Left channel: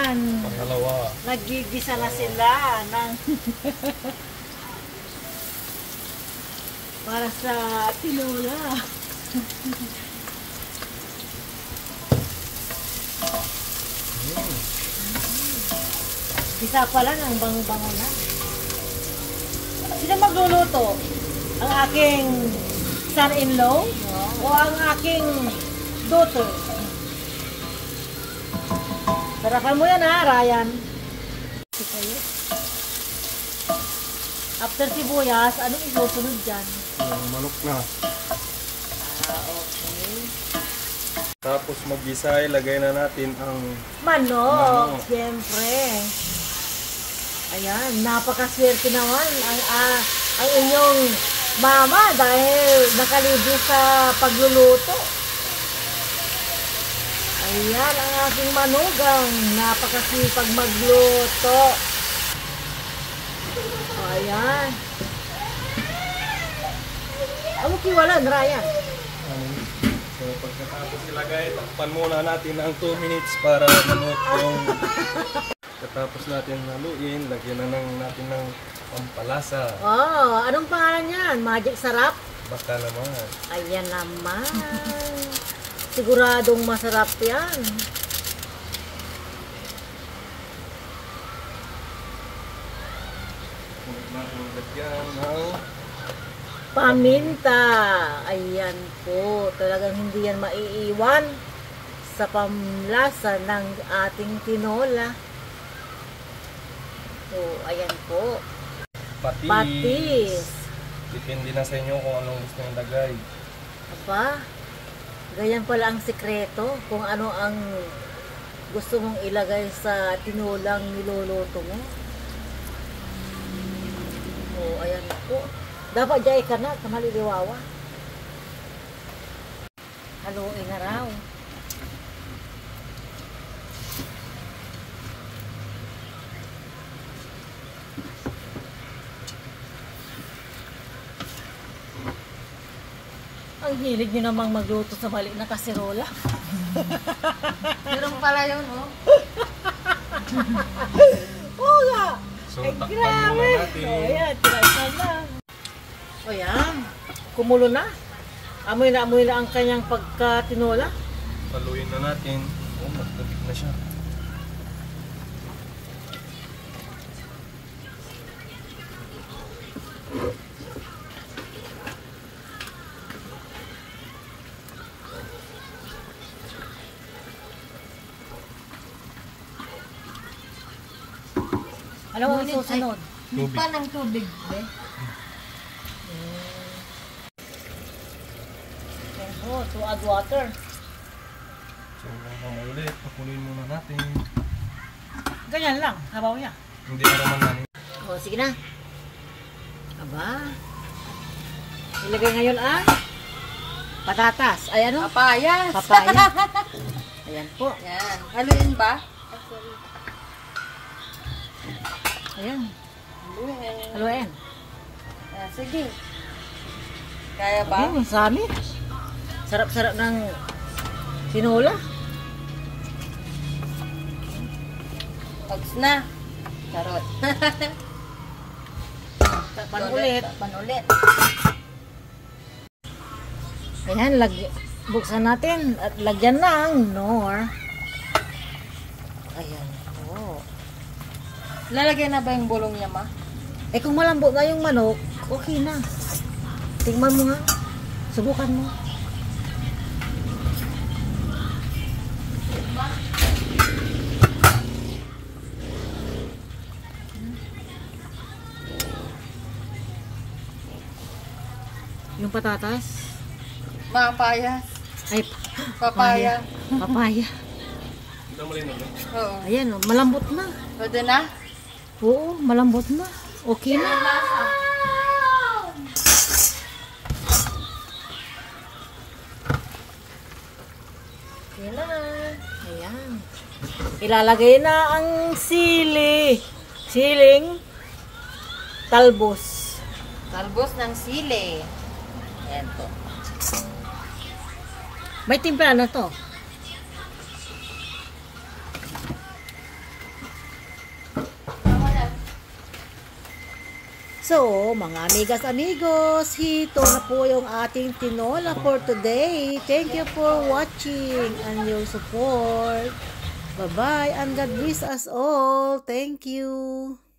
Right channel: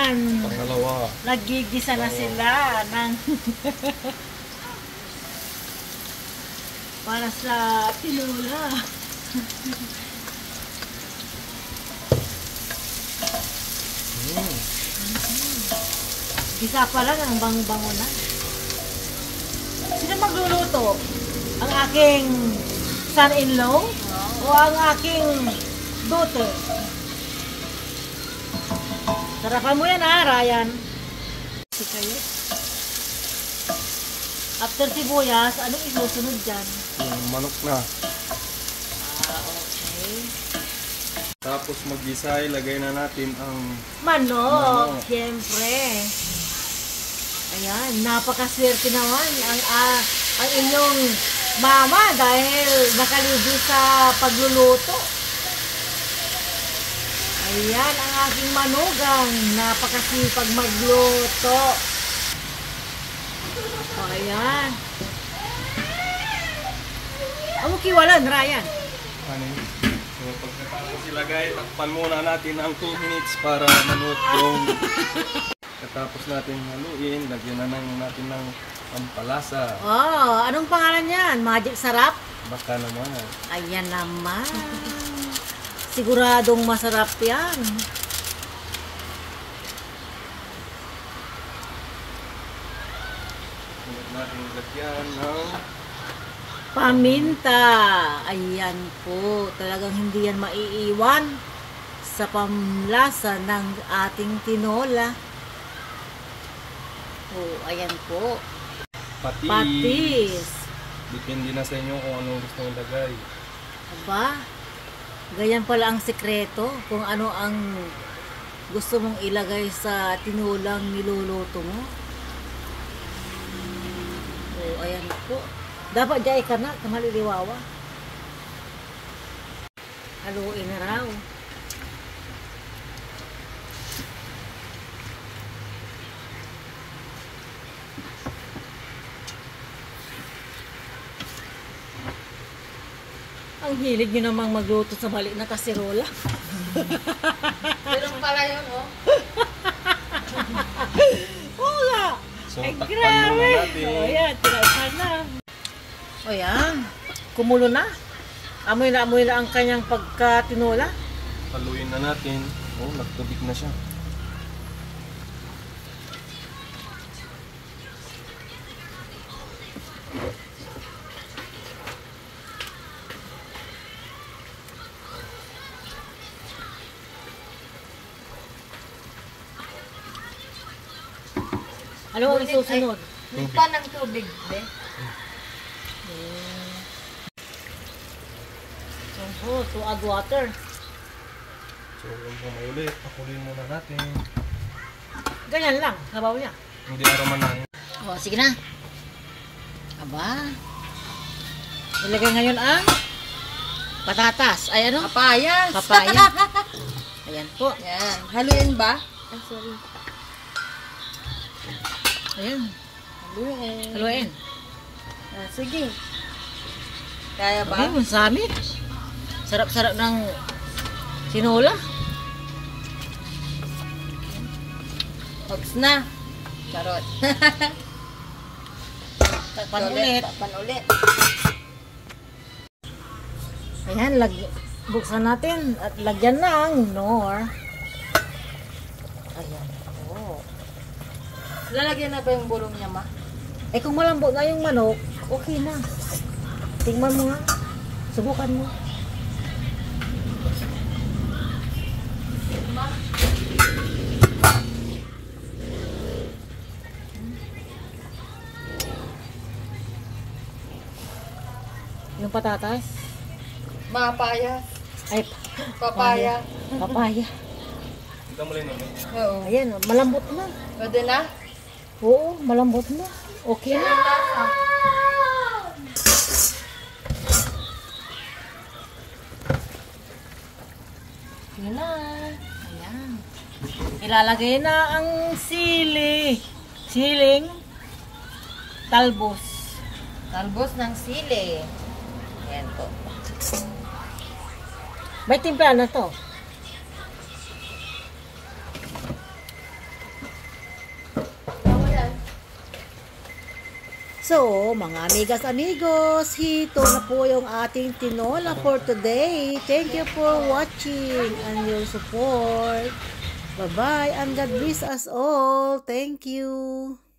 naman. Pangalawa. Nagigisa na sila ng para sa tinola. Isa pa lang ang bango-bango na. Sino magluluto? Ang aking son-in-law o ang aking daughter? Sarapan mo yan ha, Ryan. Kayo. After sibuyas, anong isusunod dyan? Yung manok na. Okay. Tapos mag-isa, ilagay na natin ang Manok. Siyempre. Ayan, napakaswerte naman ang inyong mama dahil nakalibre sa pagluluto. Ayan, ang aking manugang napakasipag magluto. Ayan. Amo kiwalan, Ryan. So pagkatapos ilagay, takpan muna natin ang 2 minutes para malutong. Pagkatapos natin haluin, lagyan na natin ng pampalasa. Oh, anong pangalan yan? Magic Sarap? Baka naman. Ayan naman. Siguradong masarap yan. Huwag natin lagyan ng paminta. Ayan po. Talagang hindi yan maiiwan sa pamlasa ng ating tinola. Oh, ayan po. patis. Patis. Depende na sa inyo kung anong gusto nyo ilagay. Diba? Ganyan pala ang sikreto kung ano ang gusto mong ilagay sa tinolang niluluto mo. Oh, ayan po. Dapat jay ka na, kanaliliwawa. Haluin na raw. Ang hilig nyo namang magluto sa mali na kaserola. Meron pala yun, oh. Oo nga. So, Ay, takpan grabe. muna natin. O, ayan, tinasan na. O, yan. Kumulo na. Amoy na ang kanyang pagkatinola. Haluin na natin. Oh, nagtubig na siya. Ano ang susunod? Lipa ng tubig, be. Yan po, to add water. So, hanggang ulit. Pakuloyin muna natin. Ganyan lang, nabaw niya. Hindi na naman na. O, sige na. Aba. Ilagay ngayon ang patatas. Ay, ano? Papayas. Papaya. Ayan po. Yan. Haluin ba? Ah, sorry. Ayan. Haluin. Haluin. Ah, sige. Kaya ba? Okay, masami. Sarap-sarap ng tinola. Hugs na. Charot. Takpan ulit. Takpan ulit. Ayan, buksan natin at lagyan ng nor. Ayan po. Lalagyan na ba yung bulong niya, ma? Eh kung malambot na yung manok, okay na. Tingnan mo nga. Subukan mo. Yung patatas. Papayas. Ay, Papaya. papaya. Ito mo rin na. Oo. Ayan, oh, malambot na. Pwede na? Oo, malambot na. Okay na. Ayan na. Ayan. Ilalagay na ang siling talbos. Talbos ng sili. Ayan po. May timpla na to. So, mga amigas amigos, ito na po yung ating tinola for today. Thank you for watching and your support. Bye-bye and God bless us all. Thank you.